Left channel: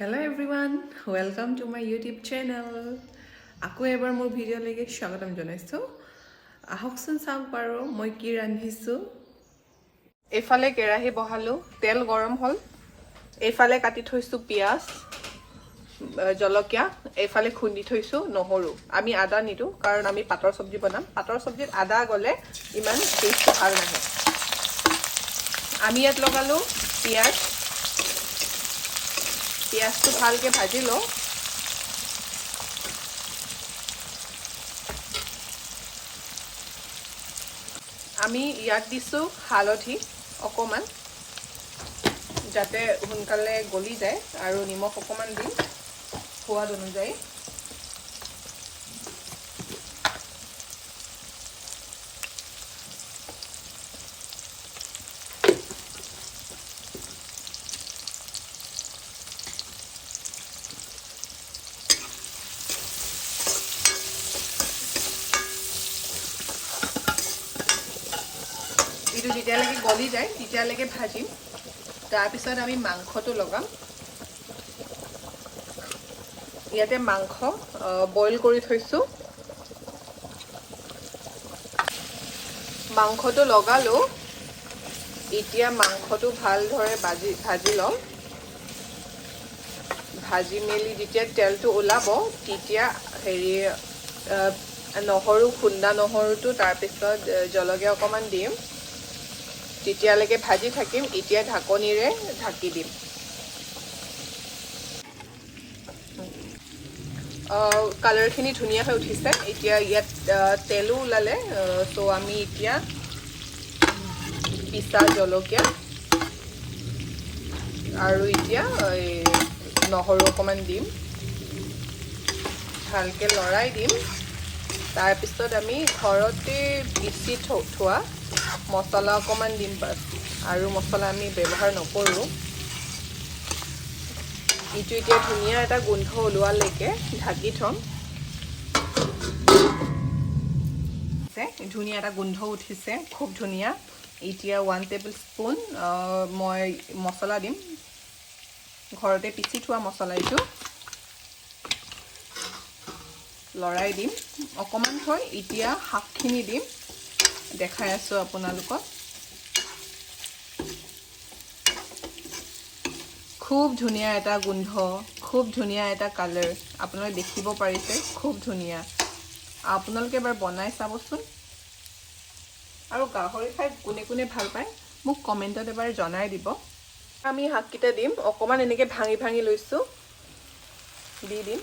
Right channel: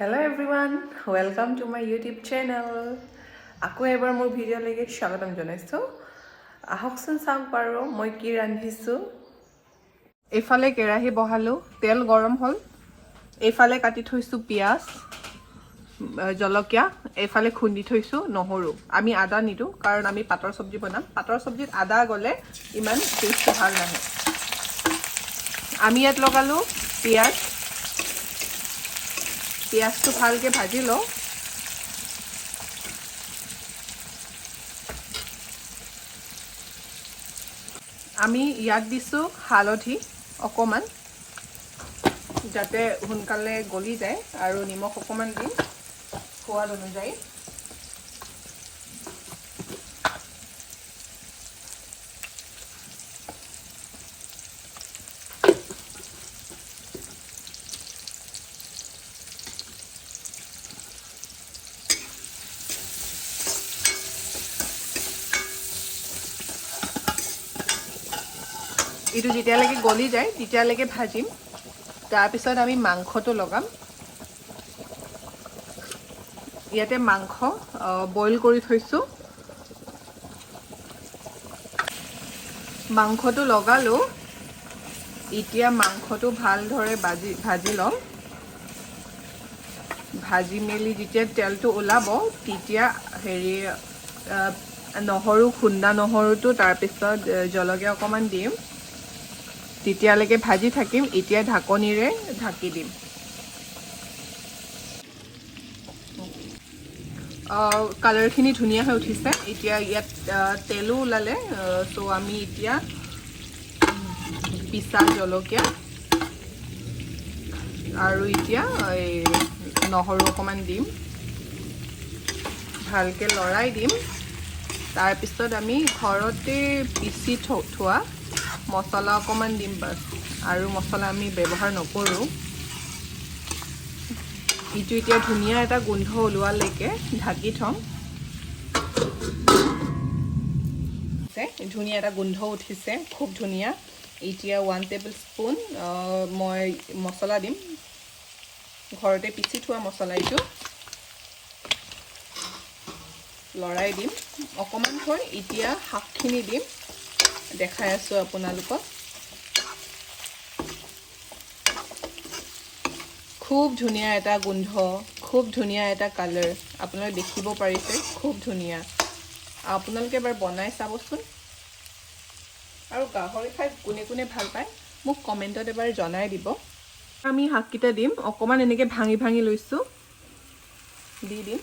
Hello everyone, welcome to my YouTube channel. আকৌ এবাৰ মোৰ ভিডিঅ'লৈকে স্বাগতম জনাইছোঁ। আহকচোন চাওক বাৰু মই কি ৰান্ধিছোঁ। এইফালে কেৰাহী বহালোঁ, তেল গৰম হ'ল। এইফালে কাটি থৈছোঁ পিঁয়াজ, জলকীয়া, এইফালে খুন্দি থৈছোঁ নহৰু। আমি আদা নিদিওঁ কাৰণ আমি পাতৰ চব্জি বনাম। পাতৰ চব্জিত আদা গ'লে ইমান টেষ্টটো ভাল নাহে। আমি ইয়াত লগালোঁ পিঁয়াজ। পিঁয়াজটো ভালকৈ ভাজি লওঁ। আমি ইয়াত দিছোঁ হালধি অকণমান যাতে সোনকালে গলি যায় আৰু নিমখ অকণমান দিম সোৱাদ অনুযায়ী। এইটো যেতিয়ালৈকে গলি যায় তেতিয়ালৈকে ভাজিম। তাৰপিছত আমি মাংসটো লগাম। ইয়াতে মাংস বইল কৰি থৈছোঁ। মাংসটো লগালোঁ। এতিয়া মাংসটো ভালদৰে ভাজি লওঁ। ভাজি মেলি যেতিয়া তেলটো ওলাব তেতিয়া নহৰু খুন্দা নহৰুটো তাৰপিছত জলকীয়া অকণমান দিম। তেতিয়ালৈকে ভাজি থাকিম। এতিয়া ঢাকনিৰে ঢাকি দিম। কালাৰখিনি ধুনীয়া হৈ উঠিছে। এতিয়া ইয়াত তেলো ওলালে, তো আমি এতিয়া পিচা জলকীয়া আৰু এতিয়া নহৰু অকণমান দিম। ভালকৈ লৰাই দিম। তাৰপিছত আমি ঘৰতে পিচি থোৱা মছলা অকণমান দিম বাছ, আৰু মছলা আমি ব্যৱহাৰ নকৰোঁ। এইটো এতিয়া ধুনীয়া এটা গোন্ধ ওলোৱালৈকে ঢাকি থ'ম। ধুনীয়া এটা গোন্ধ উঠিছে, খুব ধুনীয়া। এতিয়া 1 টেবুল স্পুন মই মছলা দিম, ঘৰতে পিচি থোৱা মছলা। এইটো লৰাই দিম অকণমান থৈ। এতিয়া শাকখিনি দিম, দেখাই আছোঁ আপোনালোকক। খুব ধুনীয়া এটা গোন্ধ, খুব ধুনীয়া এটা কালাৰ, আপোনালোকে দেখিব পাৰিছে, খুব ধুনীয়া। আপোনালোকে এবাৰ বনাই চাবচোন। আৰু গাহৰি খাই কোনে কোনে ভাল পায় মোক কমেণ্টত এবাৰ জনাই দিব। আমি শাককেইটা দিম, অকণমান এনেকৈ ভাঙি ভাঙি লৈছোঁ, দি দিম।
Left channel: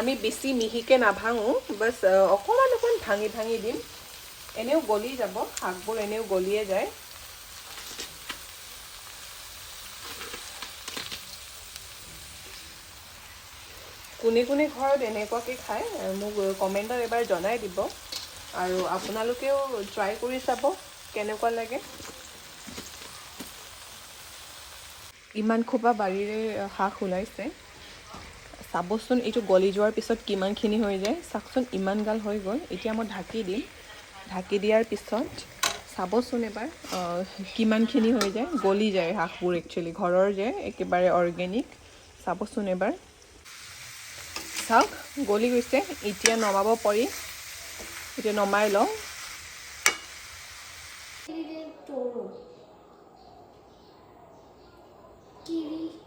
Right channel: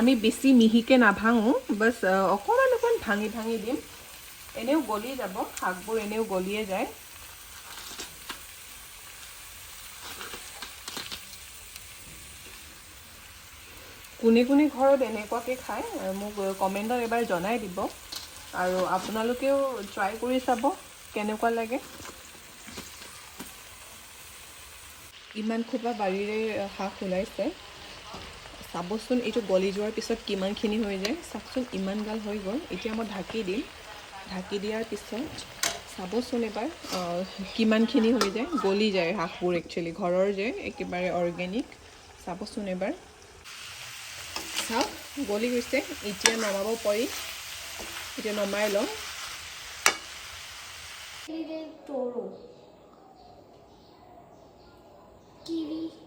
আমি বেছি মিহিকৈ নাভাঙো, বাছ অকণমান অকণমান ভাঙি ভাঙি দিম। এনেও গলি যাব, শাকবোৰ এনেও গলিয়ে যায়। কোনে কোনে ঘৰত এনেকুৱাকৈ খায় মোক কমেণ্টত এবাৰ জনাই দিব। আৰু আপোনালোকেও ট্ৰাই কৰি চাব কেনেকুৱা লাগে। ইমান খোপা বাৰীৰে শাক ওলাইছে, চাবচোন। এইটো গলি যোৱাৰ পিছত কিমানখিনি হৈ যায় চাওকচোন। ইমান গাল হৈ গ'ল। এতিয়া মই ঢাকি দিম। ঢাকি দিয়াৰ পিছত চাবচোন এবাৰ কিমানখিনি হৈ যায়, গলি যায় শাকবোৰ। একচুৱেলি ঘৰৰ যে একেবাৰে অৰ্গেনিক। চাবচোন এবাৰ, চাওক গলি গৈছে। এতিয়া নমাব পাৰি। এতিয়া নমাই লওঁ। Kiwi.